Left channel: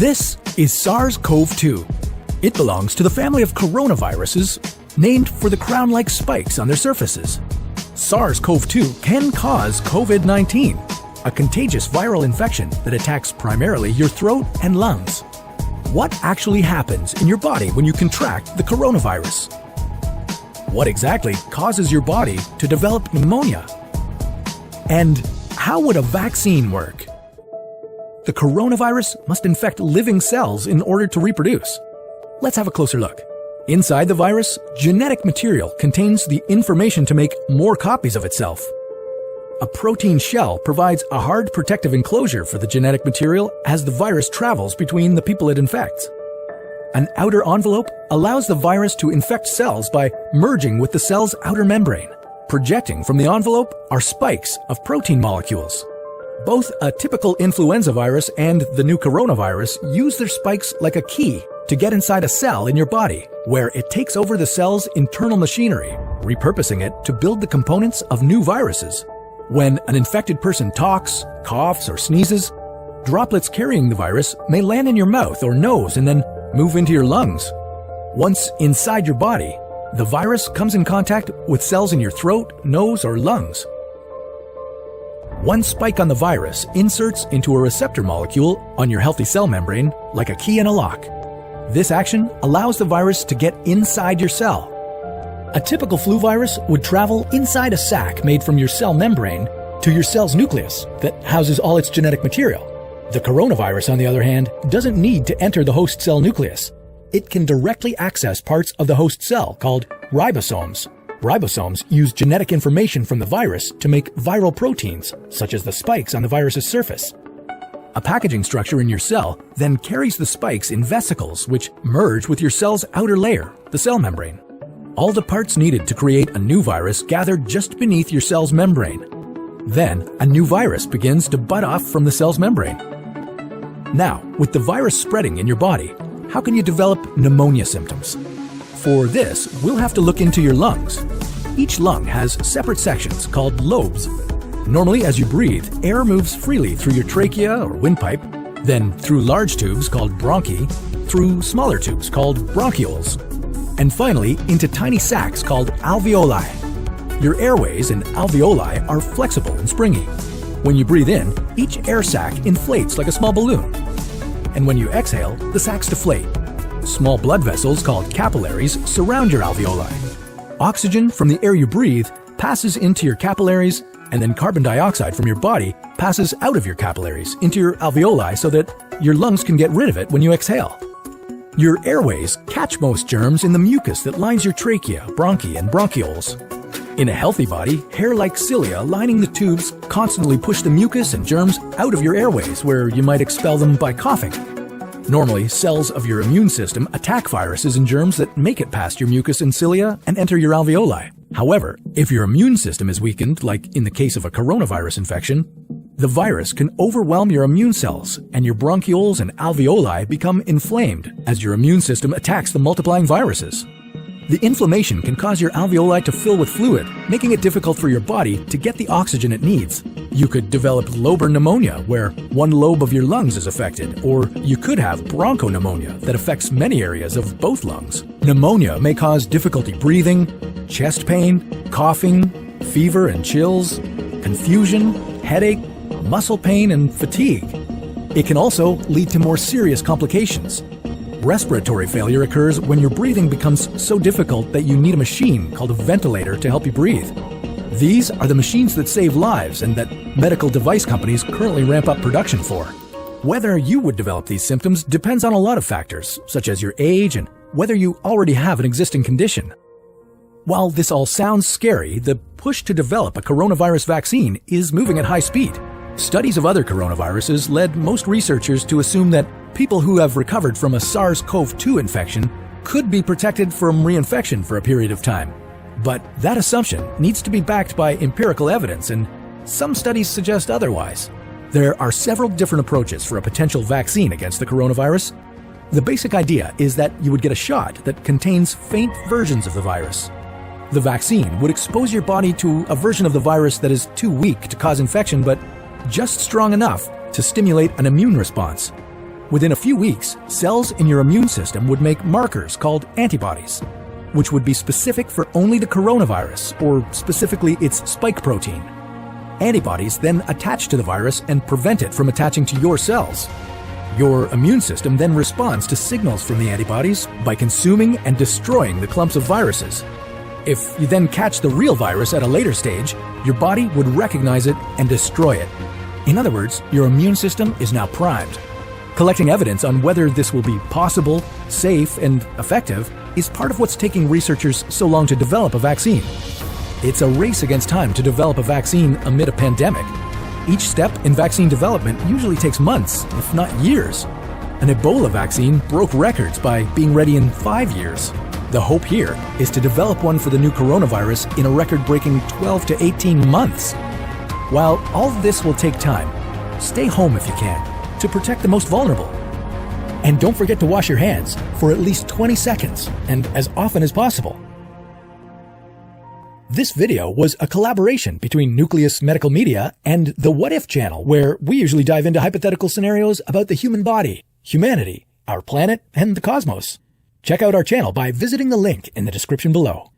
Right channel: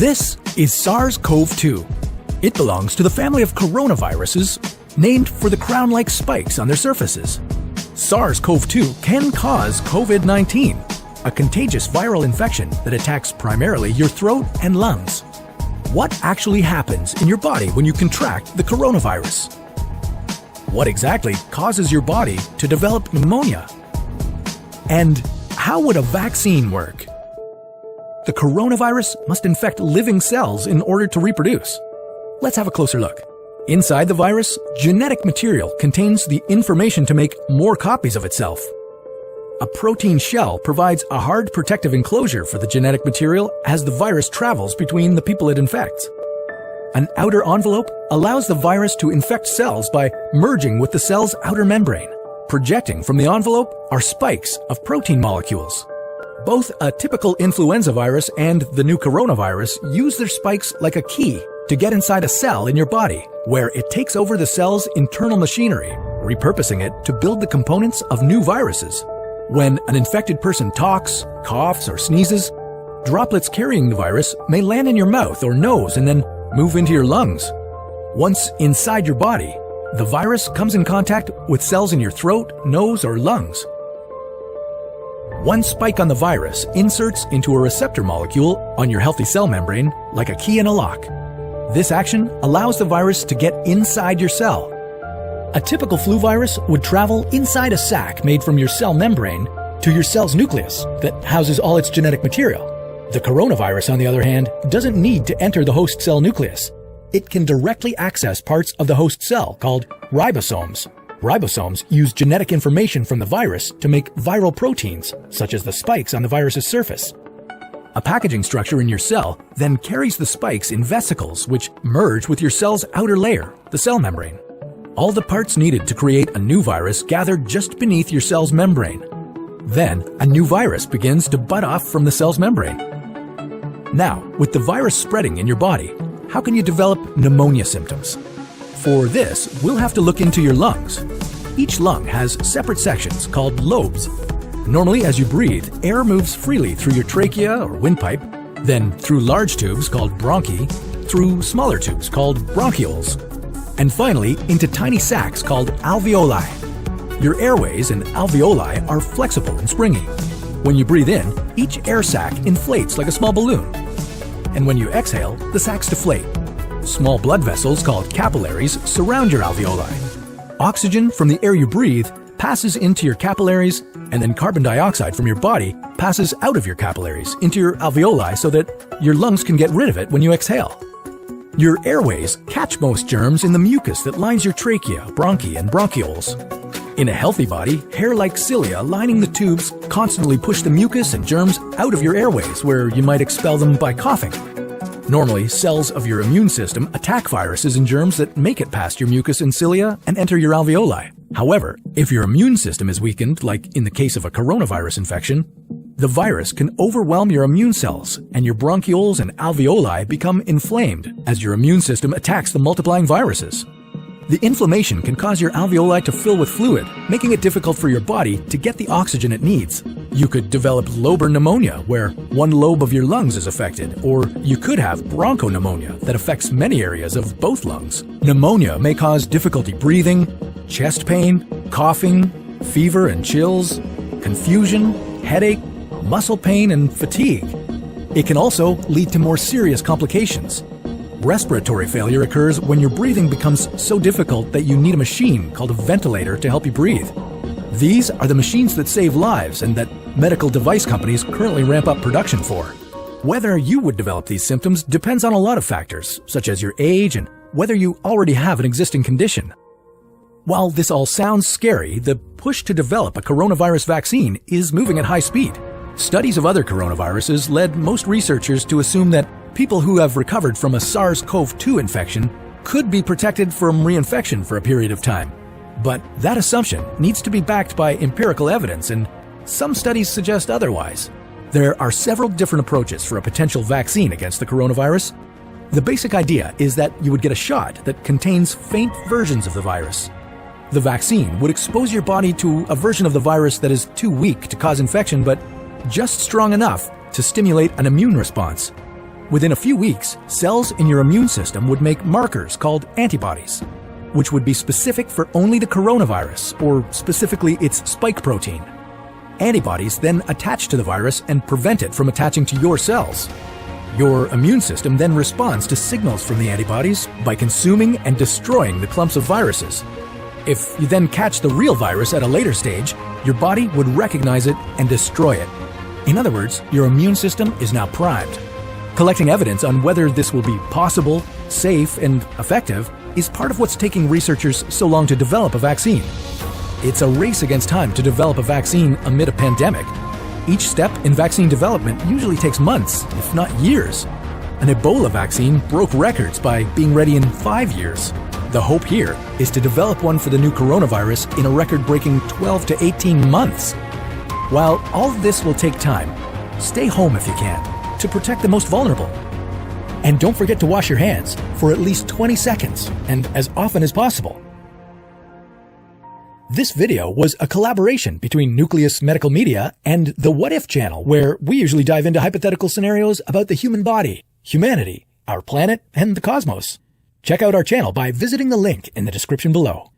This is SARS-CoV-2. It belongs to the family of coronaviruses named for the crown-like spikes on their surfaces. SARS-CoV-2 can cause COVID-19, a contagious viral infection that attacks primarily your throat and lungs. What actually happens in your body when you contract the coronavirus? What exactly causes your body to develop pneumonia? And how would a vaccine work? The coronavirus must infect living cells in order to reproduce. Let's have a closer look. Inside the virus, genetic material contains the information to make more copies of itself. A protein shell provides a hard protective enclosure for the genetic material as the virus travels between the people it infects. An outer envelope allows the virus to infect cells by merging with the cell's outer membrane. Projecting from the envelope are spikes of protein molecules. Both a typical influenza virus and the new coronavirus use their spikes like a key to get inside a cell in your body, where it takes over the cell's internal machinery, repurposing it to build the components of new viruses. When an infected person talks, coughs, or sneezes, droplets carrying the virus may land in your mouth or nose and then move into your lungs. Once inside your body, the virus comes in contact with cells in your throat, nose, or lungs. One spike on the virus inserts into a receptor molecule on your healthy cell membrane like a key in a lock. This action allows the virus to get inside your cell. A typical flu virus would travel inside a sac made from your cell membrane to your cell's nucleus that houses all its genetic material. The coronavirus, on the other hand, doesn't need to enter the host cell nucleus. It can directly access parts of the host cell called ribosomes. Ribosomes use genetic information from the virus to make viral proteins, such as the spikes on the virus's surface. A packaging structure in your cell then carries the spikes in vesicles which merge with your cell's outer layer, the cell membrane. All the parts needed to create a new virus gather just beneath your cell's membrane. Then, a new virus begins to bud off from the cell's membrane. Now, with the virus spreading in your body, how can you develop pneumonia symptoms? For this, we'll have to look into your lungs. Each lung has separate sections called lobes. Normally, as you breathe, air moves freely through your trachea or windpipe, then through large tubes called bronchi, through smaller tubes called bronchioles, and finally into tiny sacs called alveoli. Your airways and alveoli are flexible and springy. When you breathe in, each air sac inflates like a small balloon. And when you exhale, the sacs deflate. Small blood vessels called capillaries surround your alveoli. Oxygen from the air you breathe passes into your capillaries, and then carbon dioxide from your body passes out of your capillaries into your alveoli so that your lungs can get rid of it when you exhale. Your airways catch most germs in the mucus that lines your trachea, bronchi, and bronchioles. In a healthy body, hair-like cilia lining the tubes constantly push the mucus and germs out of your airways, where you might expel them by coughing. Normally, cells of your immune system attack viruses and germs that make it past your mucus and cilia and enter your alveoli. However, if your immune system is weakened, like in the case of a coronavirus infection, the virus can overwhelm your immune cells and your bronchioles and alveoli become inflamed as your immune system attacks the multiplying viruses. The inflammation can cause your alveoli to fill with fluid, making it difficult for your body to get the oxygen it needs. You could develop lobar pneumonia, where one lobe of your lungs is affected, or you could have bronchopneumonia that affects many areas of both lungs. Pneumonia may cause difficulty breathing, chest pain, coughing, fever and chills, confusion, headache, muscle pain, and fatigue. It can also lead to more serious complications. Respiratory failure occurs when your breathing becomes so difficult that you need a machine called a ventilator to help you breathe. These are the machines that save lives and that medical device companies currently ramp up production for. Whether you would develop these symptoms depends on a lot of factors, such as your age and whether you already have an existing condition. While this all sounds scary, the push to develop a coronavirus vaccine is moving at high speed. Studies of other coronaviruses led most researchers to assume that people who have recovered from a SARS-CoV-2 infection could be protected from reinfection for a period of time. But that assumption needs to be backed by empirical evidence, and some studies suggest otherwise. There are several different approaches for a potential vaccine against the coronavirus. The basic idea is that you would get a shot that contains faint versions of the virus. The vaccine would expose your body to a version of the virus that is too weak to cause infection, but just strong enough to stimulate an immune response. Within a few weeks, cells in your immune system would make markers called antibodies, which would be specific for only the coronavirus, or specifically its spike protein. Antibodies then attach to the virus and prevent it from attaching to your cells. Your immune system then responds to signals from the antibodies by consuming and destroying the clumps of viruses. If you then catch the real virus at a later stage, your body would recognize it and destroy it. In other words, your immune system is now primed. Collecting evidence on whether this will be possible, safe, and effective is part of what's taking researchers so long to develop a vaccine. It's a race against time to develop a vaccine amid a pandemic. Each step in vaccine development usually takes months, if not years. An Ebola vaccine broke records by being ready in 5 years. The hope here is to develop one for the new coronavirus in a record-breaking 12 to 18 months. While all this will take time, stay home if you can to protect the most vulnerable. And don't forget to wash your hands for at least 20 seconds and as often as possible. This video was a collaboration between Nucleus Medical Media and the What If channel, where we usually dive into hypothetical scenarios about the human body, humanity, our planet, and the cosmos. Check out our channel by visiting the link in the description below.